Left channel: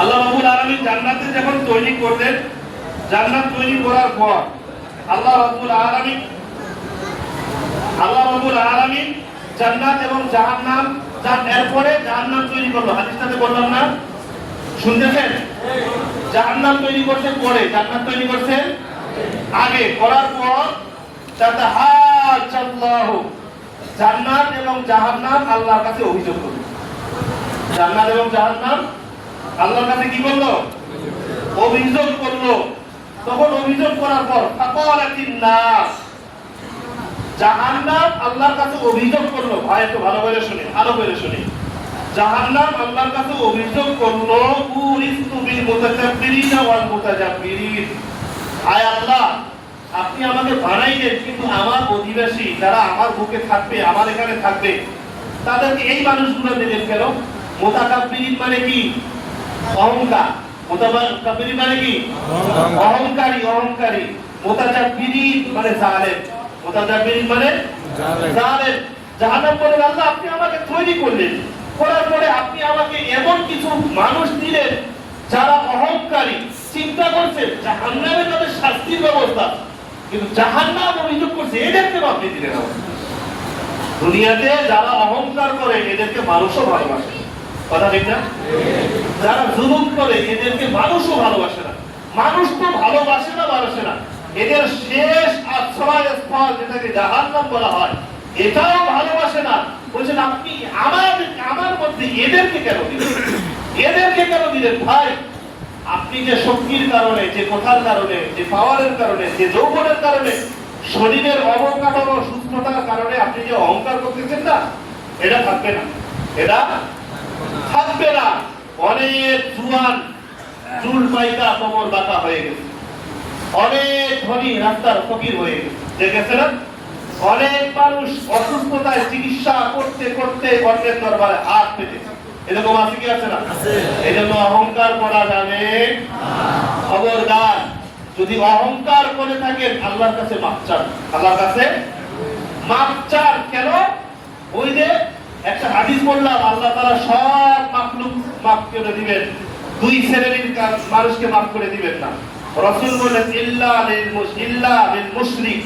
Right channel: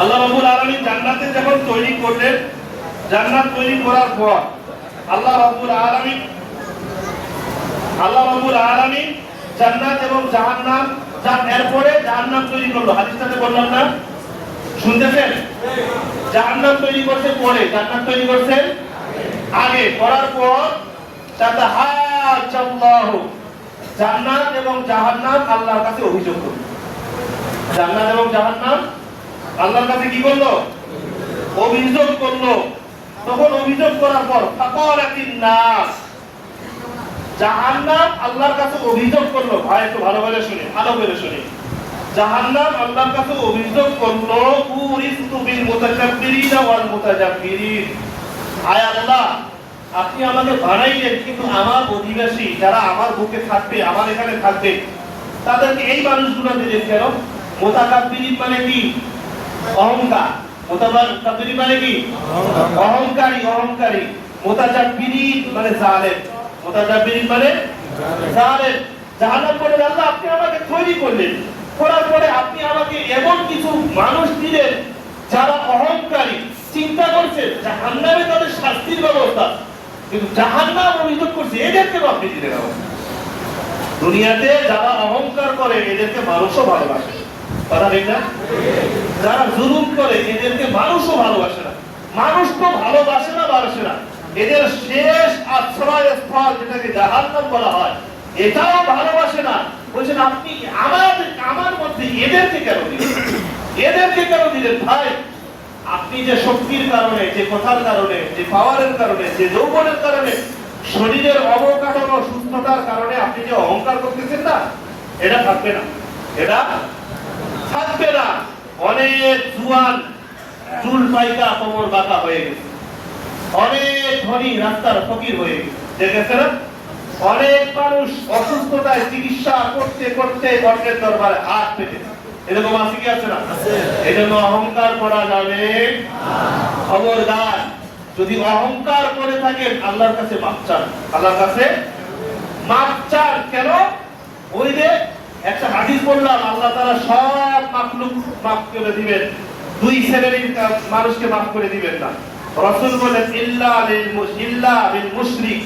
আল্লাহ রাব্বুল আলামিন জান্নাতে যখন তৈরি করলেন, জান্নাত তৈরি করার পর আল্লাহ রাব্বুল আলামিন জান্নাত এবং জাহান্নাম, এরপরে জাহান্নাম তৈরি করলো। হাদিসটাতে বললাম না, শুনতেছেন? জাহান্নাম তৈরি করছেন পরে, জান্নাত তৈরি করছেন আগে। করার পর তাতাহাজ্জাল্লাহু, জান্নাত এবং জাহান্নাম আল্লাহর কাছে অভিযোগ করলো। জান্নাত এবং জাহান্নাম আল্লাহর কাছে কি করলো? অভিযোগ করলো। তখন অভিযোগ করার পর ফাকালাতিন নাস, জাহান্নাম আল্লাহর কাছে অভিযোগ করলো। ভাই একটু ভালো করে শুনে, ভালো করে শুনে। জাহান্নাম আল্লাহর কাছে অভিযোগ করলো, উরিস্তু বিল মুতাকাব্বিরিনা ওয়াল মুতাজাব্বিরিন, আয় আল্লাহ, আপনি আমাকে বানাইলেন, কিন্তু আমার অধিবাসী যারা আমার বুকে থাকবে, আমার এখানে থাকবে, তাদেরকে এই মানুষগুলো দিলেন কেন? মুতাকাব্বিরিন মানে কি? অহংকার। মুতাকাব্বিরিন মানে কি? অহংকারী, অহংকারী। মুতাজাব্বিরিন মানে জালেম। মুতাজাব্বিরিন মানে জালেম। জাহান্নাম বলে, আল্লাহ আপনি আমাকে তৈরি করলেন, করার পরে আপনি আমাকে এমন কিছু মানুষ দিলেন যারা অহংকারী। চিন্তা করছে জাহান্নামে তাদের শাস্তির ব্যবস্থা, কিন্তু জাহান্নাম অভিযোগ করছে এদেরকে আপনি দিলেন আমাকে। দুনিয়াতে যারা অহংকার করে এদেরকে মানুষও ভালোবাসে, কথা ঠিক না? যারা জুলুম করে এদেরকে মানুষও ভালোবাসে না। মানুষ তো ভালোবাসে না, এদের শেষ আশ্রয়স্থল যেটাকে জাহান্নাম বলা হয়, এটাও ভালোবাসে না। বলছেন আপনি আমার মধ্যে এদেরকে কেন দিলেন? এদেরকে কেন দিলেন? ভাই, আপনি যে শক্তির কারণে, যে কথার কারণে, যে পাওয়ারের কারণে, যে যৌবনের কারণে, শরীরের অবকাঠামো সুস্থতার কারণে আপনি যে অহংকার করতেছেন না, এটা থাকবে না, এটা থাকবে না। অনেক জুয়ান চুল পাইকা কোমর বাঁকা হয়ে গেছে, অনেক ধনী রাস্তার ফকির হয়ে গেছে, দেখেছে না? অনেক মানুষ অসুস্থতায় চিকিৎসা করতে করতে অন্যের দরবারে হাত পেতেছে। এরকম আছে কি আছে না? এই জন্য অহংকার করা যাবে খবরদার। যদি অহংকার করে থাকেন আল্লাহর কাছে মাফ চান, আল্লাহর কাছে মাফ চান। কেন? ওই যে একটা হাদিস বললাম, আল্লাহ তাআলা সব মাখলুক মাফ করে দিবেন, দুই শ্রেণীর মানুষকে মাফ করে দিবেন না। রাসূল বলেন ইল্লা বিল মুশরিক,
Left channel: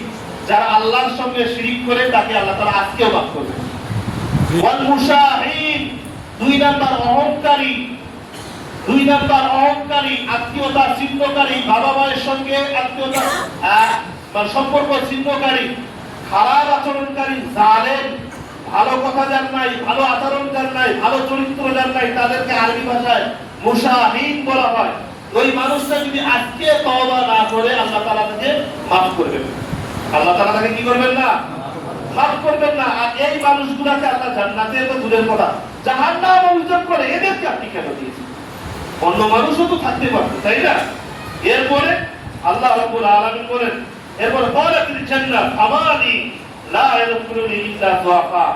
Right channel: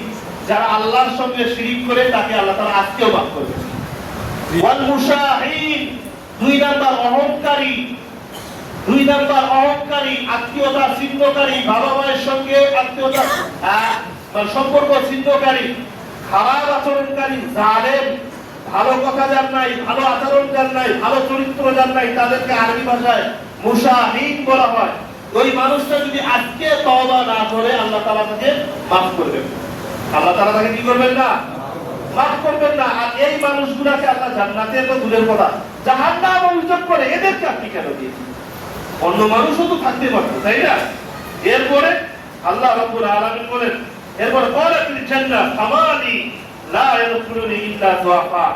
যারা আল্লাহর সঙ্গে শিরক করে তাকে আল্লাহ তাআলা আজকেও মাফ করবেন। ওয়াল মুশাহিন, দুই নাম্বার অহংকারী, আত্মীয়তা ছিন্নকারী, বাবা মায়ের সঙ্গে আত্মীয়তা সম্পর্ক ছিন্নকারী, খারাপ আচরণকারী, জালেম, ভালো কথা যার নাই, ভালো আচরণ যার নাই, ভালো চরিত্র যার নাই, তাদেরকে আরবি ভাষায় মুশাহিন বলা হয়। ওই মানুষটা যদি আজকে তওবা না করে আল্লাহ তাআলা তাকে মাফ করবেন। আল্লাহ তাআলা তাকে কি করবেন না? মাফ করবেন না। আর এই মানুষগুলোকে আল্লাহ জান্নাতে তো দূরের কথা, জাহান্নাম অভিযোগ করে এদেরকে আপনি কেন দিয়েছেন? অন্য মানুষও তো থাকতে পারতো, তাই না? এরপরে আল্লাহ রাব্বুল আলামিন বলেন, এরপর ক্বালাতিল জান্নাত ফামালি লা ইয়াদখুলুনি ইল্লা দুআফা,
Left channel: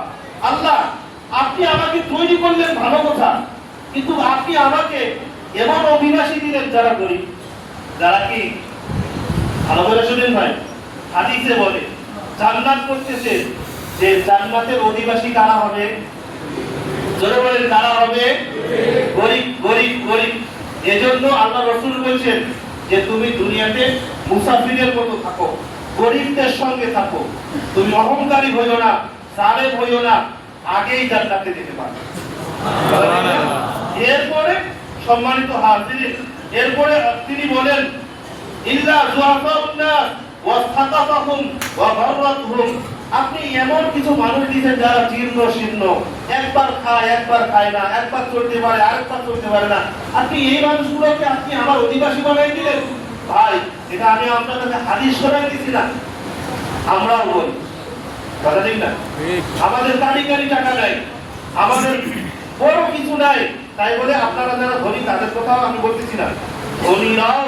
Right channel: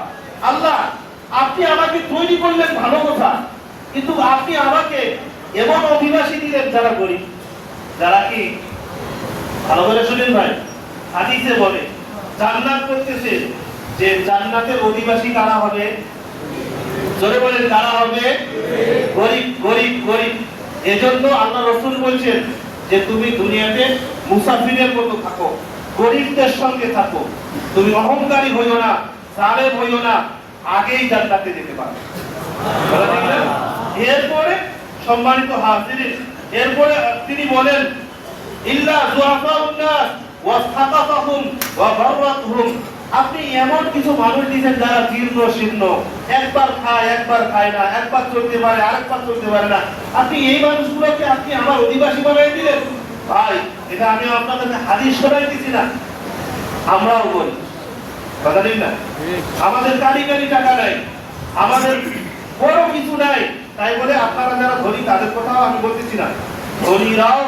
আল্লাহ আপনি আমাকে তৈরি করলেন ভালো কথা, কিন্তু আপনি আমাকে এমন অধিবাসী দিলেন যারা গরীব, যারা কি? ভালো করে শুনেন ভাই, হাদিসে বলে জান্নাত করতেছে যে জান্নাতের অধিবাসী কারা হবে? জোরে বলেন, কারা হবে? গরীব, গরীব, গরীব। এজন্য আল্লাহ রাসূল বলেন যে তুমি দুনিয়াতে মুসাফিরের মতো থাকো, গরীবদের সঙ্গে থাকো, তুমি অহংকারী হইও না, জালেম হইও না, আগেই জান্নাতে যেতে পারবে। এরপরে সম্মানিত হাজিরিন, এরপরে তিনি বলেন ইল্লা যুআফাউন নাস ওয়া সাকাতাহুম ওয়া বাররাতুহুম, আপনি এমন কিছু মানুষ দিয়েছেন যারা জীর্ণ শীর্ণ, একবার খায় একবার খায় না, একবার চলতে পারে আরেকবার চলতে পারে না, আপনি এই মানুষগুলোকে আপনি আমার অধিবাসী বানাই দিলেন। ভাই, এটা আমি আপনাদেরকে হাদিস শোনাই দিছি না, আমরাও বলি, কথা ঠিক না? আমাদের কারি টাকা নাই, আমাদের বড় কিছু নাই, তাই বলে আপনারা যারা ধনী তাদের কথাও আমি বলতেছি না। ধনীরাও,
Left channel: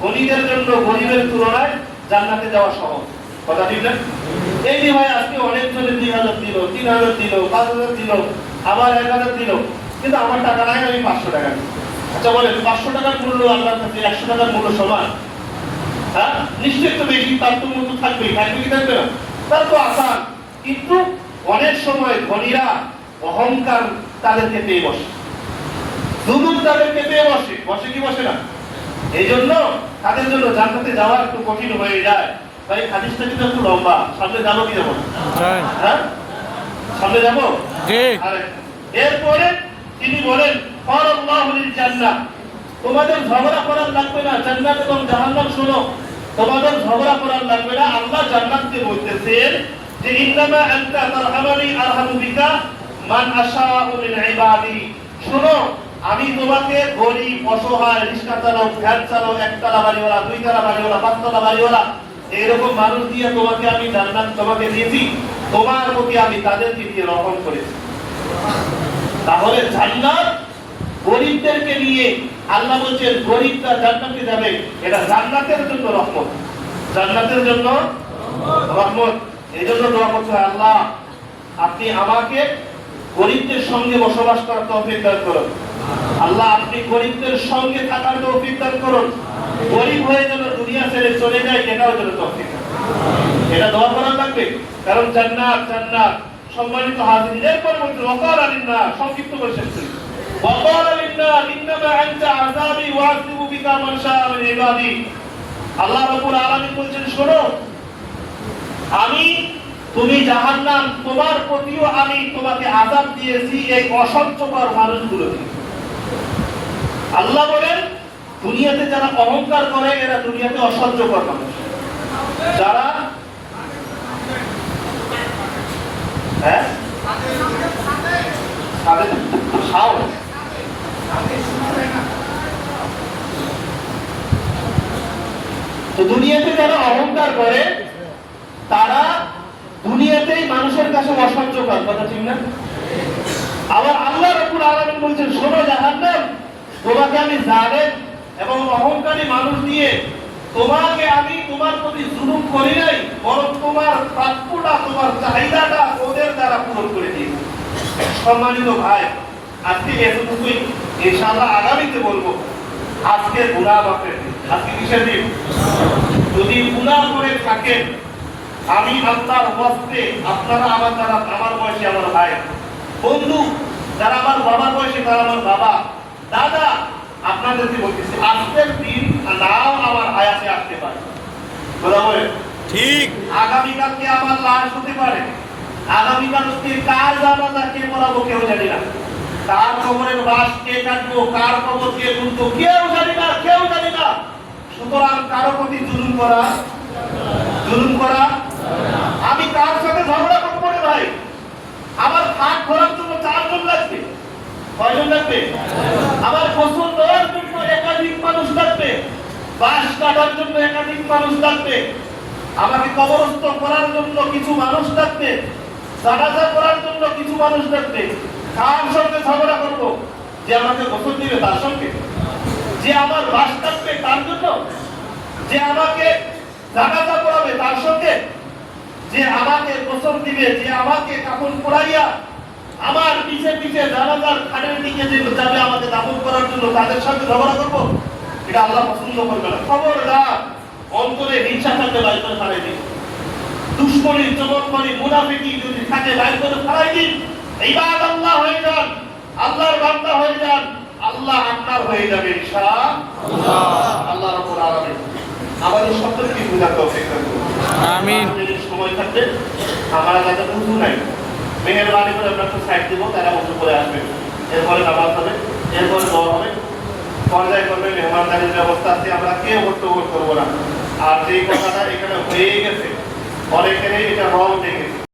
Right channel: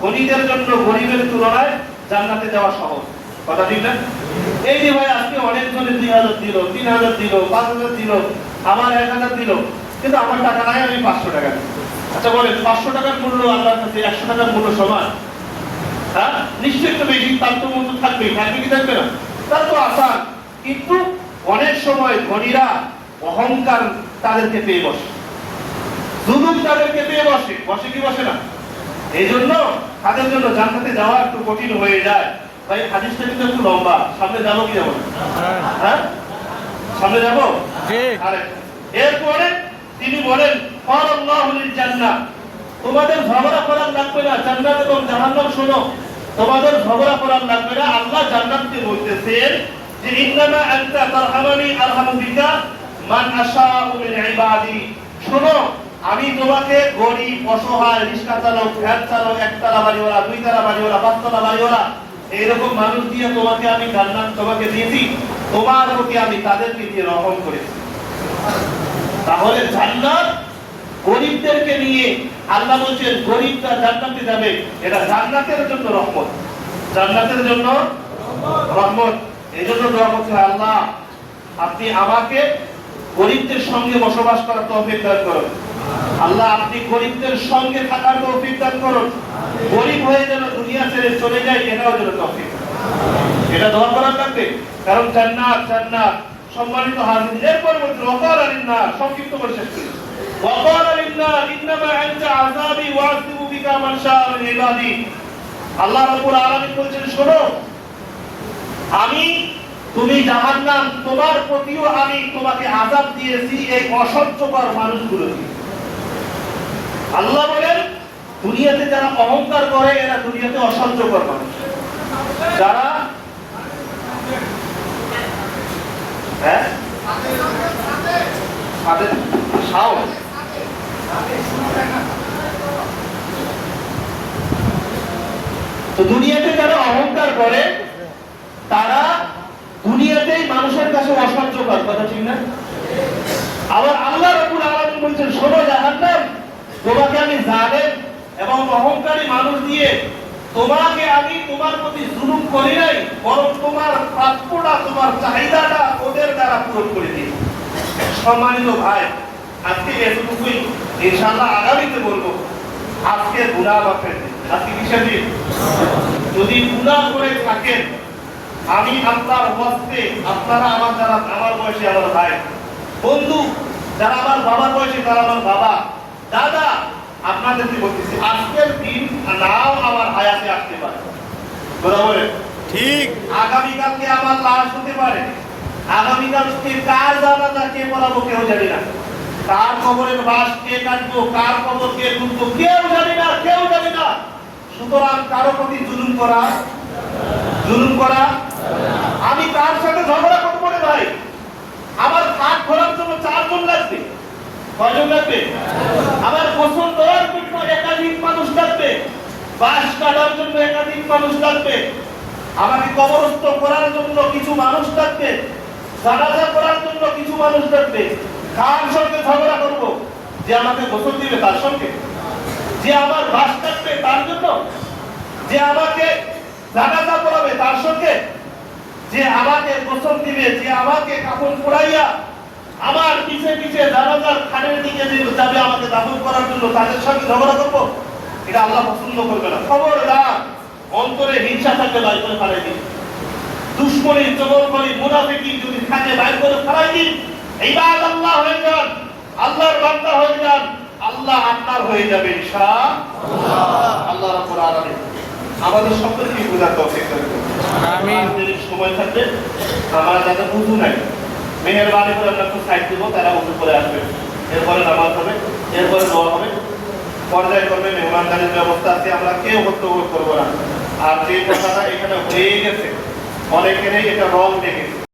ধনীদের জন্য গরিবের তুলনায় জান্নাতে যাওয়া সহজ, কথা ঠিক না? এই যে ভাই আজকে অনেক জনে 2000 দিল, 3000 দিল, 5000 দিল, আবার 1000 দিল, কিন্তু আমার টাকা নাই, আমি 500 টাকা দিই। আচ্ছা বলেন, 500 টাকার মূল্য আল্লাহর কাছে 100 টাকার মূল্য সমান? হ্যাঁ, নিশ্চয়ই তো বেশি, তার তো মূল্য থাকবে, থাকবে কি থাকবে না? তার তো আসান। কিন্তু অনেক সময় ধনীরা অহংকার তাদেরকে পেয়ে বসে, জুলুম তাদেরকে পেয়ে বসে, বসে কি বসে না? এই জন্য তাদের জন্য জান্নাতে যাওয়া একটু কঠিন হয়ে যায়। ভাই হাদিসটা কিন্তু একটু লম্বা, সামনে যাবো কি যাবো? হ্যাঁ, সামনে যাবো। এরপরে তিনি বলেন আল্লাহু লিল জান্নাহ, তোমাদের ঝগড়া করার লাগবে না, জান্নাত এবং জাহান্নাম শোনো, তোমাদের ঝগড়া করার লাগবে না। আল্লাহ জান্নাতকে বলতেছেন যে ইন্নামা আনতা তারহামানি আরহামু বিকা মান আশাউ মিন ইবাদি, শোনো আমি তোমাকে গরিব, অসহায়, রিকশা চালক, ভ্যান চালক, একতলা বাড়িওয়ালা, দুইতলা বাড়িওয়ালা, পাঁচতলা বাড়িওয়ালা, এইরকম মানুষ দিয়ে তোমাকে আমি জান্নাত তোমাকে দিয়েছি, তোমার প্রতি আমি তাদেরকে দিয়ে রহম করেছি। তাহলে জান্নাত গরিবদেরকে নিয়ে, আল্লাহ বলছেন গরিবরা জান্নাতে যাবে, এটা জান্নাতের জন্য রহমত, জান্নাতের জন্য রহমত। এই জন্য দোয়া করতে হয়, আল্লাহ আপনি আমাকে গরিবদের সঙ্গে বসবাস করার তৌফিক দান করুন, আল্লাহ আপনি গরিবদের সঙ্গে থাকার তৌফিক দান করুন, গরিব হয়ে যেন দুনিয়া ছেড়ে চলে যায় এটাও যেন তৌফিক, এটা দোয়া করার লাগবে। কারণ জান্নাত, জান্নাত সম্মানিত হাজির। এরপর বলছে ওয়াকাল আলিন্না, সংক্ষিপ্ত করে শেষ করি, ওয়াকাল আলিন্না ইন্নামা আনতা আযাবি ওয়াসিবু বিকা মান শাআ মিন ইবাদি, আল্লাহ রাব্বুল আলামিন বলছেন শোনো আমি, তুমি জাহান্নাম, তোমার প্রতিও আমি তোমাকে আযাব দিয়েছি এই অসহ্যকর মানুষগুলোকে। আল্লাহ বলেন দুনিয়াতে যারা অহংকার করে এরা দুনিয়াতে অসহ্যকর মানুষ, যারা তো দুনিয়াতে যারা অহংকার করে তারা দুনিয়াতেই মানুষের কাছে অসহ্যকর, কথা ঠিক না? আবার আল্লাহ রাব্বুল আলামিন বলছেন শোনো জাহান্নাম, তোমাকে আমি জালেম এবং অহংকারী মানুষ দিয়ে তোমাকে আমি তোমার প্রতি জুলুম করি নাই, বরং তোমার প্রাপ্যটা, তোমার চাহিদাটা ওদের দ্বারা পূরণ করে দিয়েছি। সম্মানিত ভাই, আজকে এতটুকুই, ইনশাআল্লাহ আগামীতে বলবো আজকে গুনাহ মাফের দিন। আজকে কিসের দিন? যদি গুনাহ করে থাকেন, আমি আল্লাহর ওয়াস্তে, আপনারা আমার যারা আমার বয়সী আমার ভাই বন্ধু, যারা আমার বাবার বয়সী তারা আমার বাবা দাদা, আপনাদেরকে বলতেছি আজকের দিন নাও আমার হায়াতে আসতে পারে, বরাবর ঠিক, আগামীকালকে আমার লাশ হতে পারে, আগামীকালকে কার জানাজা কে পড়াবো কেউ জানি না, কার কবরের বাস কে কাটবো, কার কবর কে তুলবো কেউ জানি না, কেউ জানি না। সুতরাং কারো প্রতি জুলুম করা, জুলুম করা, আমি কার সাথে ঝগড়া করবো রে ভাই, আমার খাট খোলার জন্য 4 জন লাগবে, কয়জন লাগবে? আমার গোসল দেওয়ার জন্য একাধিক মানুষ লাগবে, বাঁশ কাটার জন্য একাধিক মানুষ লাগবে, আমাকে কবরস্থ করার জন্য কিছু মানুষ লাগবে, জানাজা করার জন্য কিছু মানুষ লাগবে। কার সঙ্গে ঝগড়া করব? যে আমাকে গোসল দিবে তার সঙ্গে, যে আমার বাঁশ কাটবে তার জন্য, যে আমাকে জানাজা করাবে তার সঙ্গে, যে আমাকে গোসল দিবে, যে আমাকে কাপড় পরাইয়া আমার পিছে পিছে জানাজার খাটের দিকে যে যাবে আমাকে দাফন করার জন্য, তাদের সঙ্গে ঝগড়া করব? এটা আল্লাহ পছন্দ করবে না। খবরদার, অন্তরে হিংসা থাকলে বাইর করে ফেলাই দিন, দুশ্মনী, জবরদখলি, মুনাফিকি যদি থাকে বাইর করে ফেলাই দিন। এইবার আল্লাহ হয়ে যান, আল্লাহর বান্দা হয়ে যান, আল্লাহ আপনার হয়ে যাবে ইনশাআল্লাহ। আল্লাহ রাব্বুল আলামিন আমাদের সকলকে বুঝার তৌফিক দান করুন, আমিন। যদি সময় থাকবে, আমরা যাদের উযু নাই মেহেরবানি করে আমরা একটু সাইড দেব, তারা উযু করে আসবে, এরপরে নামাজ হবে, এরপরে দোয়া হবে, পর্যায় করবে, মেহমানদারির ব্যবস্থা আছে, আমরা কেউ বক্তব্য করবো না। আর যে কথাটা এখানে হয়ে গেছে অনেকেরই এটা রং দেখেছে।